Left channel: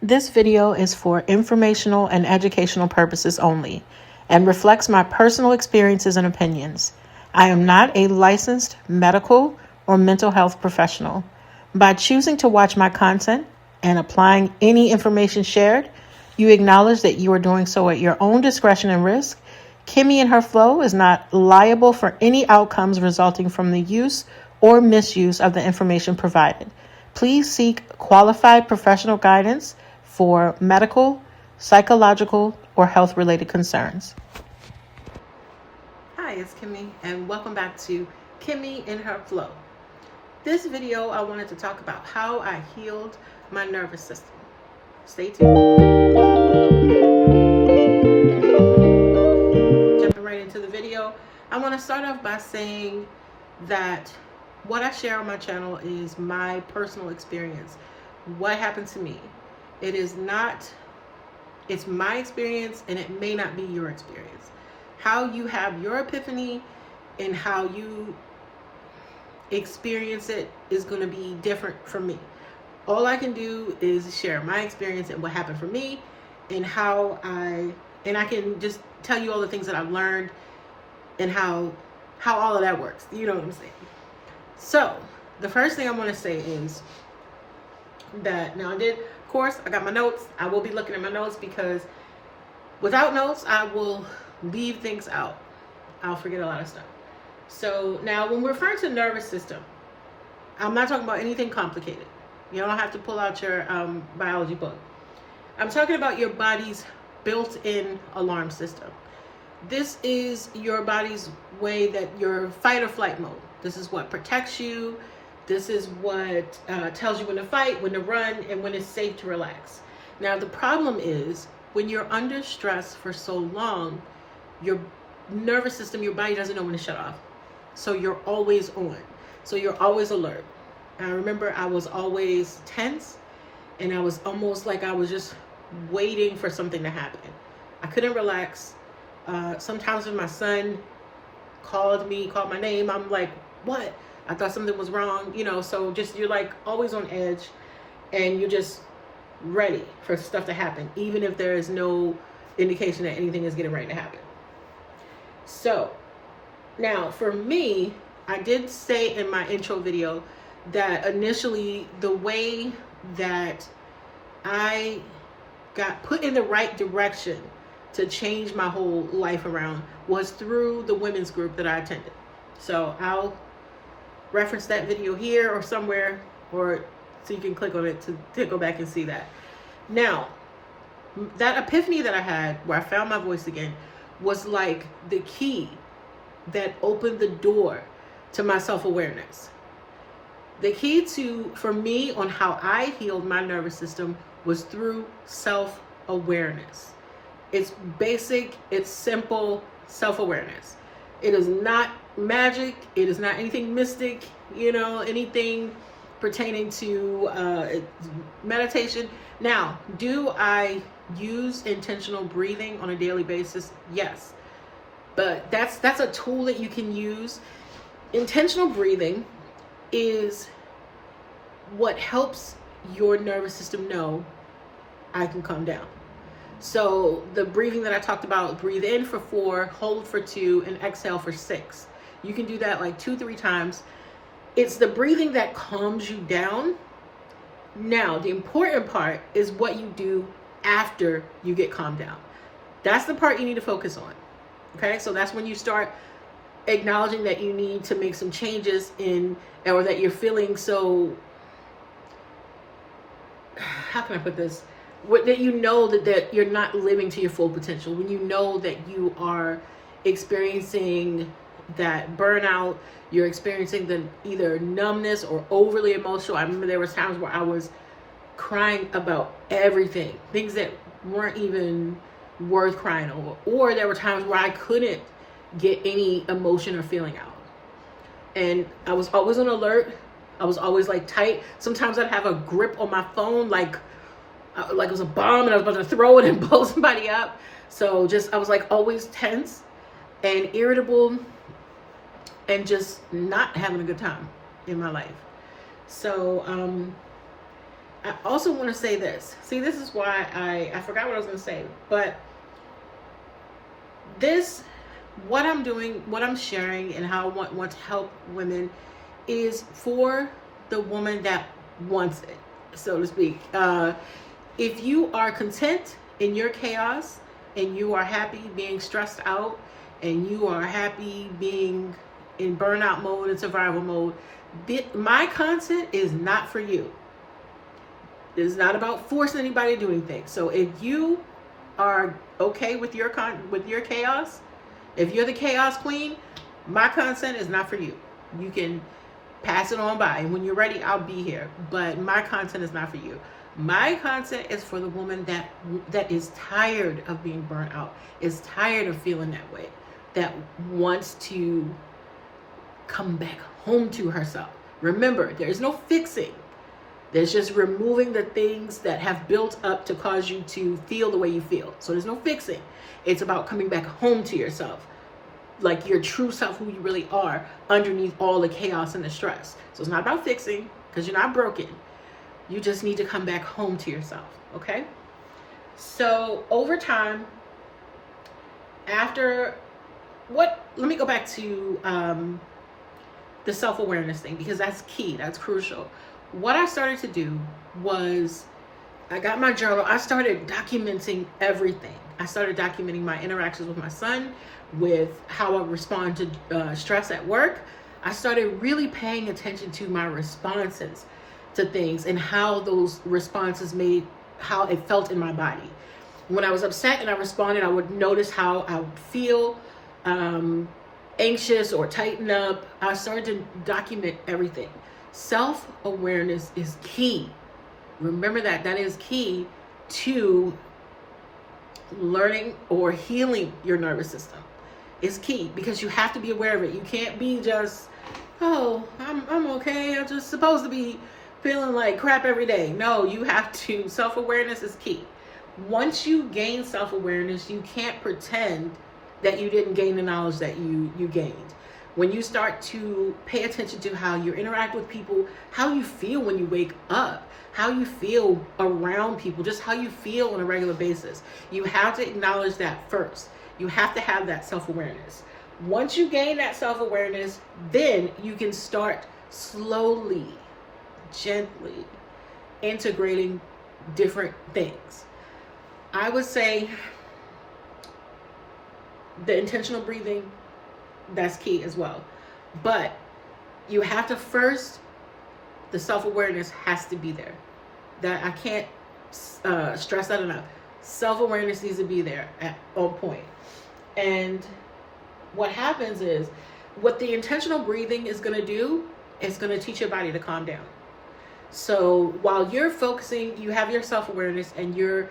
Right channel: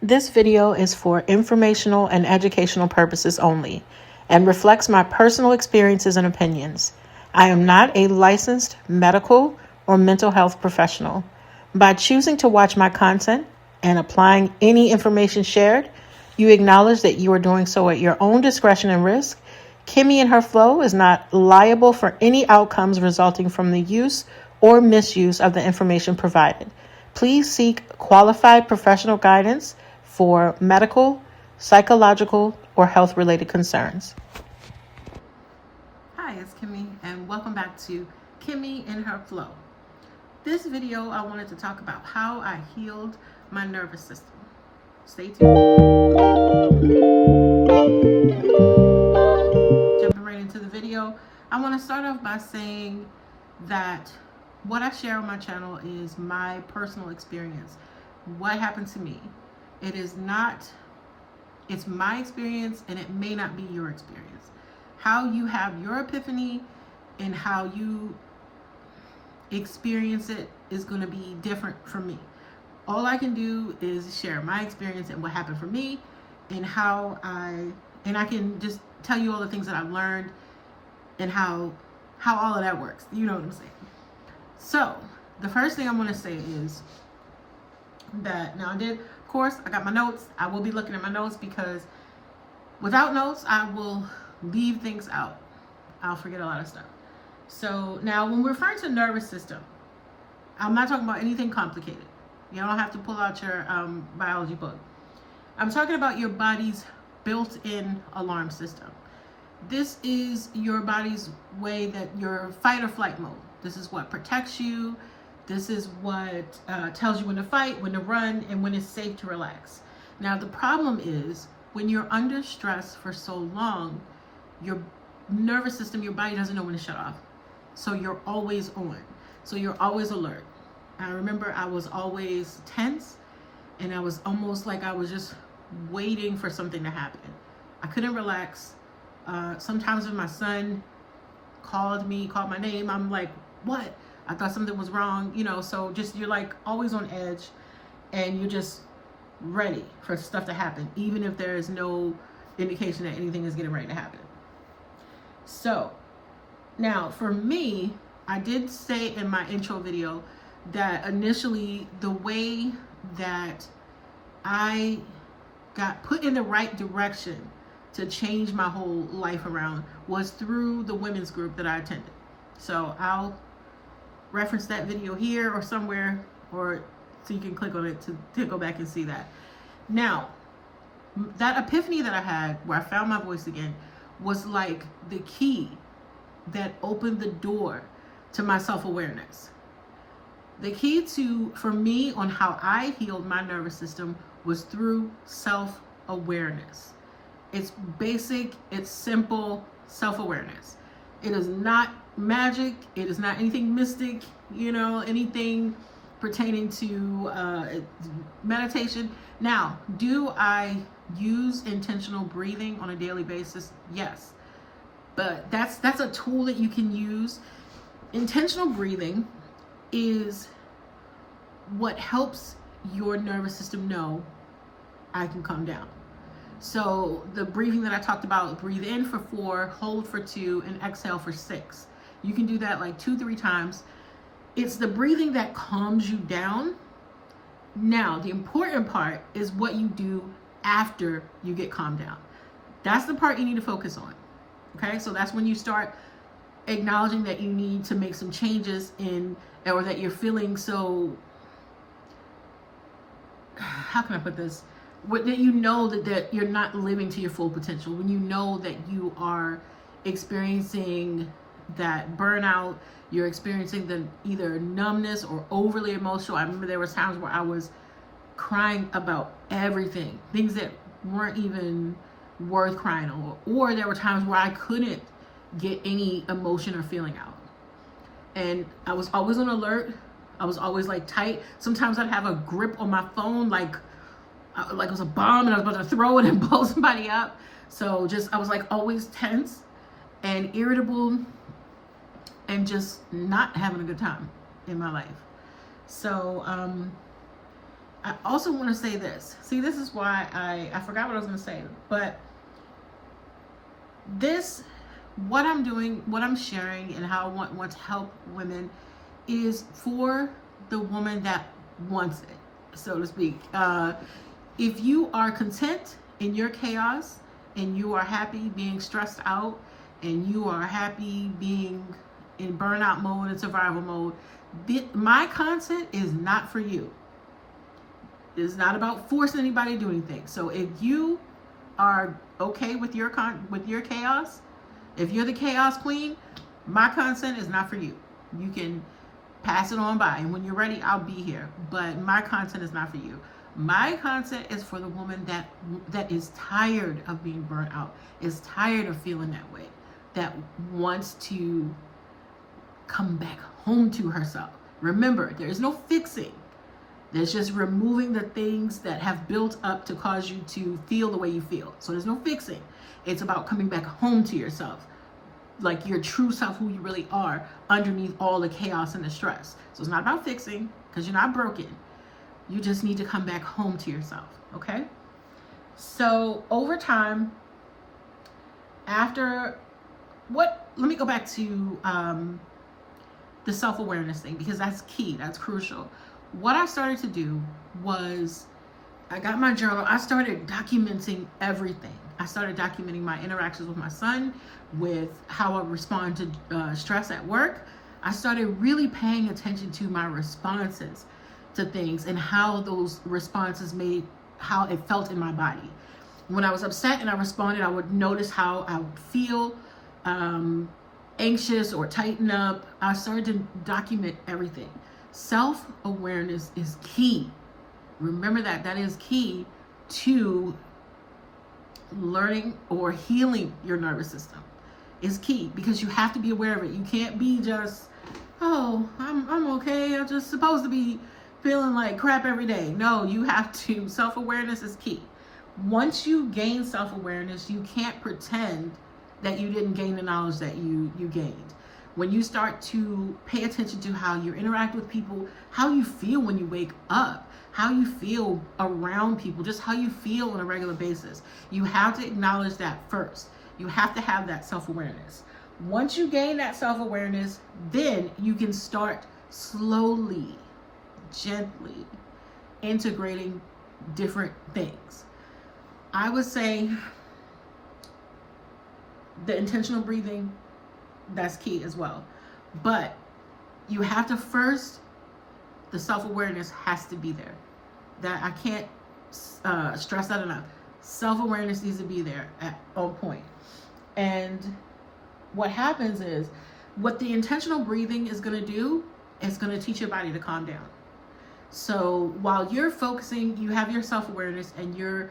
This video is for informational and educational purposes only and reflects my personal experiences and opinions. I am not a licensed medical or mental health professional. By choosing to watch my content and applying any information shared, you acknowledge that you are doing so at your own discretion and risk. KimmyInHerFlow is not liable for any outcomes resulting from the use or misuse of the information provided. Please seek qualified professional guidance for medical, psychological, or health-related concerns. Hi, it's Kimmy, and welcome back to Kimmy in Her Flow. This video, I wanted to talk about how I healed my nervous system. Stay tuned. Jumping right into the video, I want to start off by saying that what I share on my channel is my personal experience. What happened to me? It's my experience, and it may not be your experience. How you have your epiphany and how you experience it is going to be different from me. All I can do is share my experience and what happened for me, and I can just tell you all the things that I've learned and how all of that works. You know what I'm saying? So the first thing I want to say is that now of course, I got my notes. I will be looking at my notes because without notes, I will leave things out. I'll forget a lot of stuff. So now when we're referring to nervous system, I'm not talking about anything complicated. You don't have to pull out your biology book. I'm talking about your body's built-in alarm system. This is your body's way that your fight or flight mode. This is what protects you. This is what tells you when to fight, when to run, and when it's safe to relax. Now, the problem is when you're under stress for so long, your nervous system, your body doesn't know when to shut off. So you're always on. So you're always alert. I remember I was always tense, and I was almost like I was just waiting for something to happen. I couldn't relax. Sometimes when my son called my name, I'm like, what? I thought something was wrong, so just you're like always on edge, and you're just ready for stuff to happen, even if there is no indication that anything is getting ready to happen. So now for me, I did say in my intro video that initially the way that I got put in the right direction to change my whole life around was through the women's group that I attended. So I'll reference that video here or somewhere, or so you can click on it to go back and see that. Now, that epiphany that I had where I found my voice again was like the key that opened the door to my self-awareness. The key for me on how I healed my nervous system was through self-awareness. It's basic, it's simple self-awareness. It is not magic. It is not anything mystic, anything pertaining to meditation. Now, do I use intentional breathing on a daily basis? Yes. But that's a tool that you can use. Intentional breathing is what helps your nervous system know I can calm down. So the breathing that I talked about, breathe in for 4, hold for 2, and exhale for 6. You can do that like 2-3 times. It's the breathing that calms you down. Now, the important part is what you do after you get calmed down. That's the part you need to focus on. Okay, so that's when you start acknowledging that you need to make some changes or that you're feeling so, how can I put this? That you know that you're not living to your full potential, when you know that you are experiencing that burnout, you're experiencing the either numbness or overly emotional. I remember there was times where I was crying about everything, things that weren't even worth crying over, or there were times where I couldn't get any emotion or feeling out, and I was always on alert. I was always like tight. Sometimes I'd have a grip on my phone like it was a bomb and I was about to throw it and blow somebody up. So I was like always tense and irritable and just not having a good time in my life. So I also want to say this. See, this is why I forgot what I was going to say, but this, what I'm doing, what I'm sharing, and how I want to help women is for the woman that wants it, so to speak. If you are content in your chaos, and you are happy being stressed out, and you are happy being in burnout mode and survival mode, my content is not for you. It's not about forcing anybody to do anything. So if you are okay with your chaos, if you're the chaos queen, my content is not for you. You can pass it on by, and when you're ready, I'll be here. But my content is not for you. My content is for the woman that is tired of being burnt out, is tired of feeling that way, that wants to come back home to herself. Remember, there's no fixing. There's just removing the things that have built up to cause you to feel the way you feel. So there's no fixing. It's about coming back home to yourself, like your true self, who you really are, underneath all the chaos and the stress. So it's not about fixing, because you're not broken. You just need to come back home to yourself, okay? So over time, let me go back to the self-awareness thing, because that's key, that's crucial. What I started to do was, I got my journal, I started documenting everything. I started documenting my interactions with my son, with how I respond to stress at work. I started really paying attention to my responses to things, and how those responses how it felt in my body. When I was upset and I responded, I would notice how I would feel anxious or tighten up. I started to document everything. Self-awareness is key. Remember that is key to learning or healing your nervous system. It's key, because you have to be aware of it. You can't be just, oh, I'm okay, I'm just supposed to be feeling like crap every day. No, you have to, self-awareness is key. Once you gain self-awareness, you can't pretend that you didn't gain the knowledge that you gained. When you start to pay attention to how you interact with people, how you feel when you wake up, how you feel around people, just how you feel on a regular basis, you have to acknowledge that first. You have to have that self-awareness. Once you gain that self-awareness, then you can start slowly, gently integrating different things. I would say the intentional breathing, that's key as well. But you have to first, the self-awareness has to be there. That I can't stress that enough. Self-awareness needs to be there at all point. And what happens is, what the intentional breathing is going to do, is going to teach your body to calm down. So while you're focusing, you have your self-awareness, and you're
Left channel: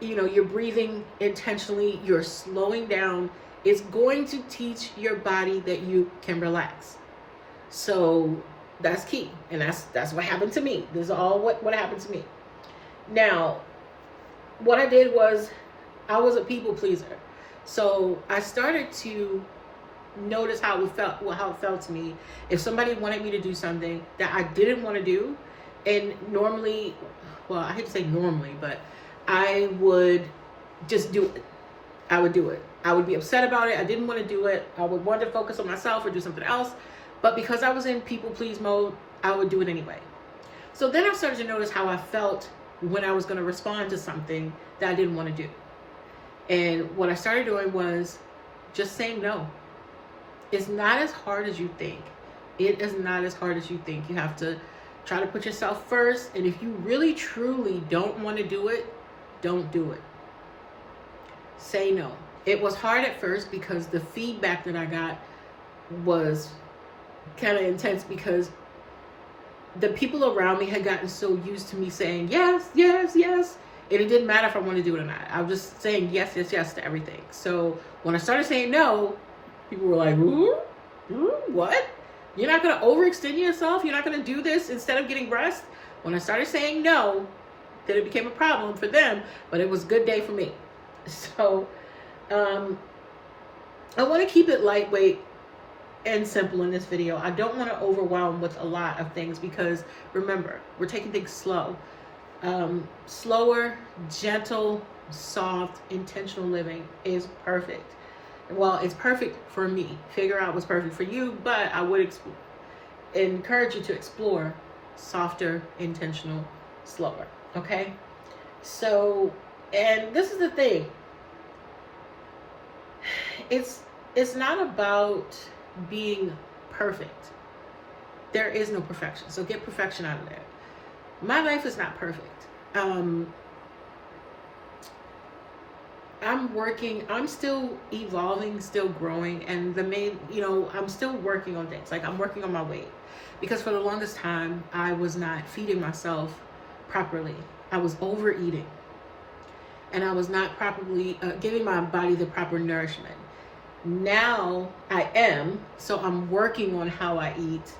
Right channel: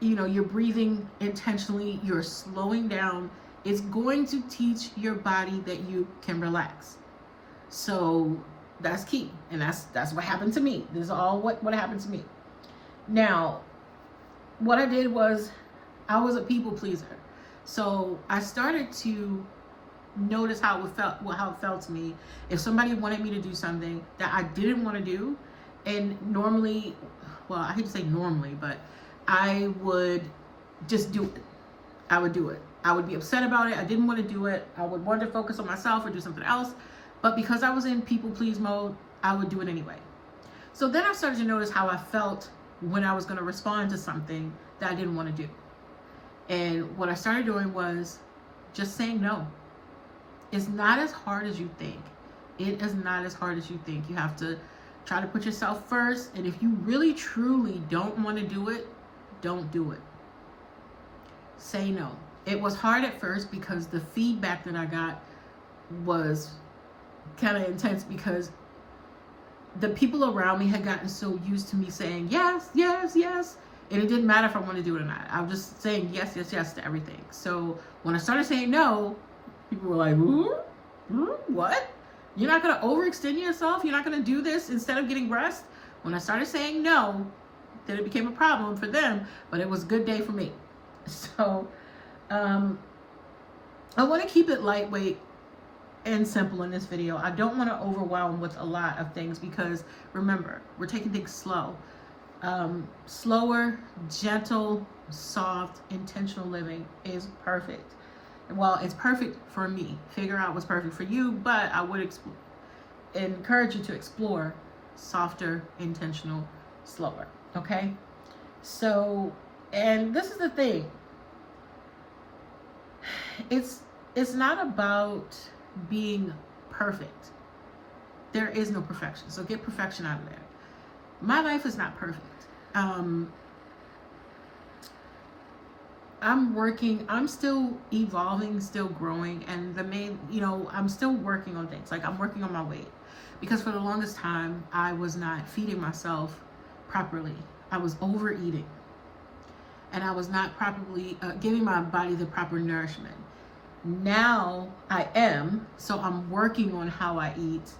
you're breathing intentionally, you're slowing down, it's going to teach your body that you can relax. So that's key. And that's what happened to me. This is all what happened to me. Now, what I did was, I was a people pleaser. So I started to notice how it felt to me if somebody wanted me to do something that I didn't want to do. And normally, well, I hate to say normally, but I would just do it. I would do it. I would be upset about it. I didn't want to do it. I would want to focus on myself or do something else. But because I was in people please mode, I would do it anyway. So then I started to notice how I felt when I was going to respond to something that I didn't want to do. And what I started doing was just saying no. It's not as hard as you think. It is not as hard as you think. You have to try to put yourself first. And if you really, truly don't want to do it, don't do it. Say no. It was hard at first, because the feedback that I got was kind of intense, because the people around me had gotten so used to me saying yes, yes, yes. And it didn't matter if I wanted to do it or not. I was just saying yes, yes, yes to everything. So when I started saying no, people were like, what? You're not going to overextend yourself? You're not going to do this instead of getting rest? When I started saying no, then it became a problem for them, but it was a good day for me. So I want to keep it lightweight and simple in this video. I don't want to overwhelm with a lot of things because remember, we're taking things slow. Slower, gentle, soft, intentional living is perfect. Well, it's perfect for me. Figure out what's perfect for you, but I would encourage you to explore softer, intentional, slower. Okay? So, and this is the thing. It's not about being perfect. There is no perfection. So get perfection out of there. My life is not perfect. I'm still evolving, still growing, and I'm still working on things. Like I'm working on my weight because for the longest time I was not feeding myself properly. I was overeating and I was not properly giving my body the proper nourishment. Now I am, so I'm working on how I eat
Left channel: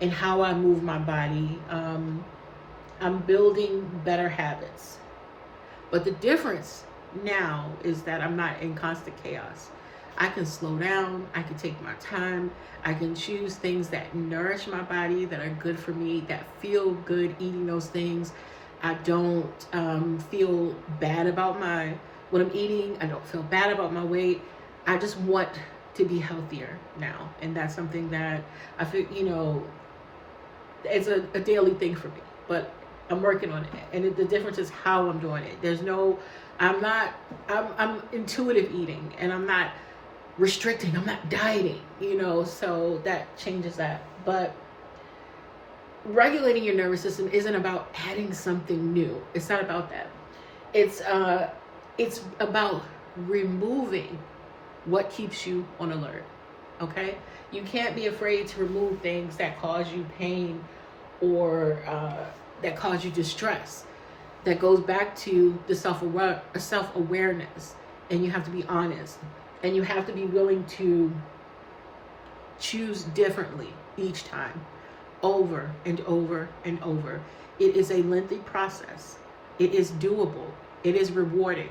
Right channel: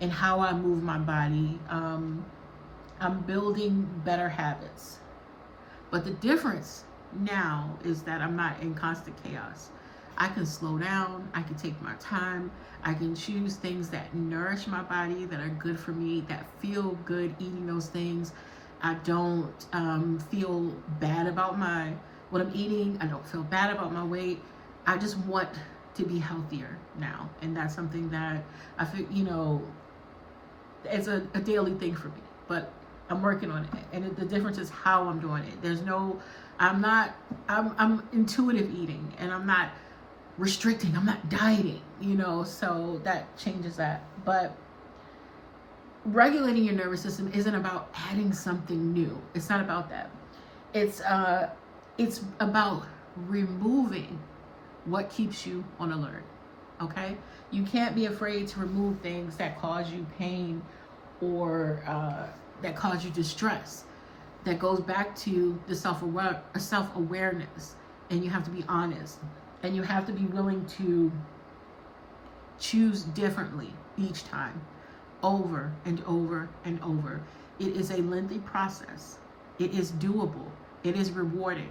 and how I move my body. I'm building better habits. But the difference now is that I'm not in constant chaos. I can slow down. I can take my time. I can choose things that nourish my body, that are good for me, that feel good eating those things. I don't feel bad about what I'm eating. I don't feel bad about my weight. I just want to be healthier now. And that's something that I feel, it's a daily thing for me. But I'm working on it, and the difference is how I'm doing it. I'm intuitive eating, and I'm not restricting, I'm not dieting, so that changes that. But regulating your nervous system isn't about adding something new. It's not about that. It's about removing what keeps you on alert, okay? You can't be afraid to remove things that cause you pain or that cause you distress. That goes back to the self-awareness, and you have to be honest, and you have to be willing to choose differently each time, over and over and over. It is a lengthy process. It is doable. It is rewarding,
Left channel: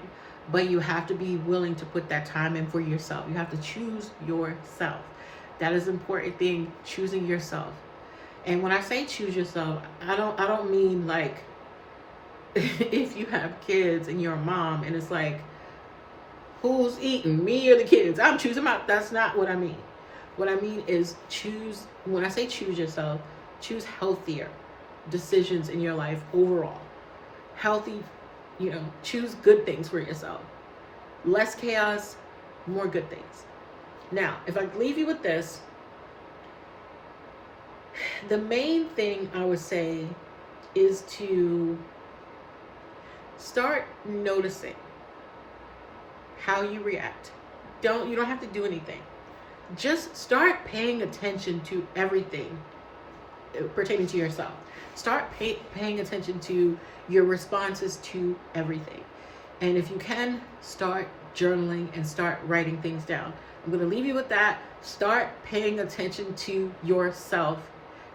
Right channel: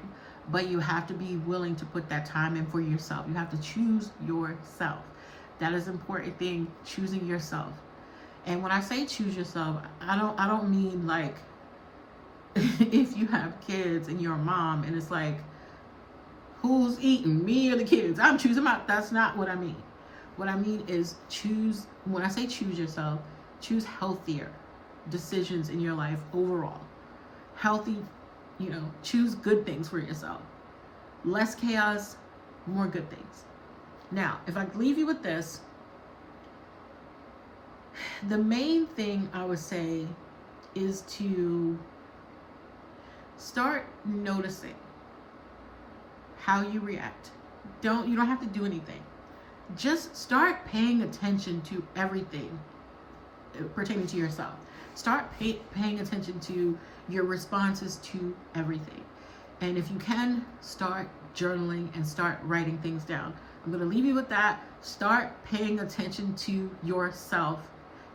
but you have to be willing to put that time in for yourself. You have to choose yourself. That is an important thing, choosing yourself. And when I say choose yourself, I don't mean like if you have kids and you're a mom and it's like, who's eating, me or the kids? I'm choosing that's not what I mean. What I mean is when I say choose yourself, choose healthier decisions in your life overall. Healthy, choose good things for yourself. Less chaos, more good things. Now, if I leave you with this, the main thing I would say is to start noticing how you react. You don't have to do anything. Just start paying attention to everything pertaining to yourself. Start paying attention to your responses to everything. And if you can, start journaling and start writing things down. I'm going to leave you with that. Start paying attention to yourself,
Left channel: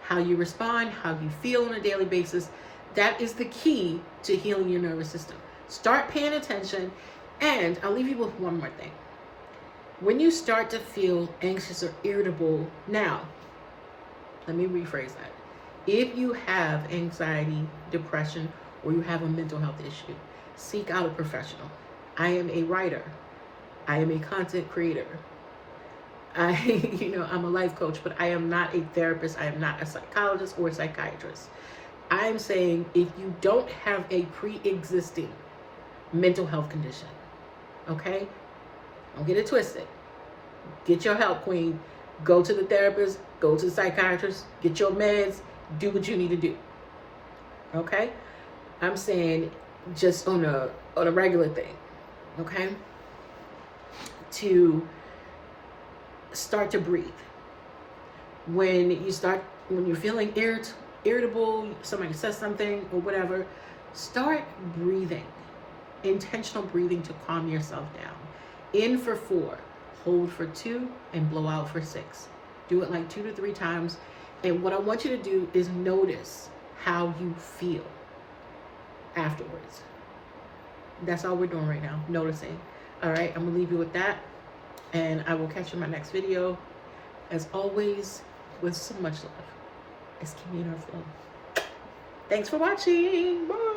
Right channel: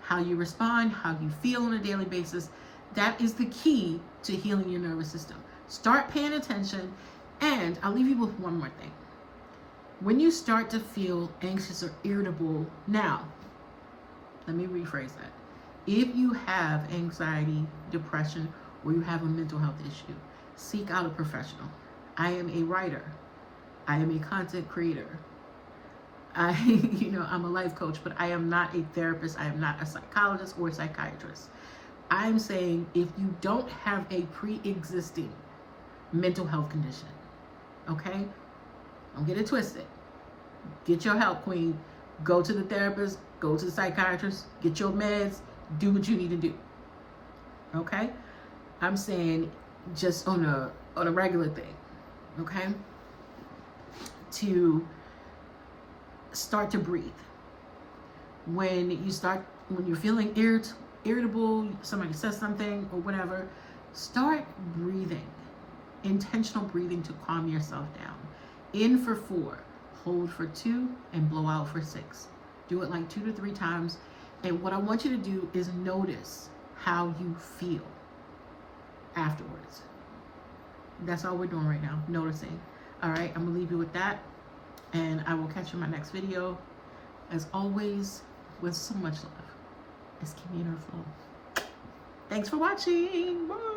how you respond, how you feel on a daily basis. That is the key to healing your nervous system. Start paying attention. And I'll leave you with one more thing. When you start to feel anxious or irritable, now, let me rephrase that. If you have anxiety, depression, or you have a mental health issue, seek out a professional. I am a writer. I am a content creator. I'm a life coach, but I am not a therapist. I am not a psychologist or a psychiatrist. I'm saying if you don't have a pre-existing mental health condition, okay? Don't get it twisted. Get your help, queen. Go to the therapist, go to the psychiatrist, get your meds, do what you need to do. Okay? I'm saying just on a regular thing, okay? To start to breathe. When you're feeling irritable, somebody says something or whatever, start breathing. Intentional breathing to calm yourself down. In for 4, hold for 2, and blow out for 6. Do it like 2 to 3 times. And what I want you to do is notice how you feel afterwards. That's all we're doing right now, noticing. All right, I'm gonna leave you with that, and I will catch you in my next video. As always, with so much love, it's Kimmy in her flow. Thanks for watching. Bye.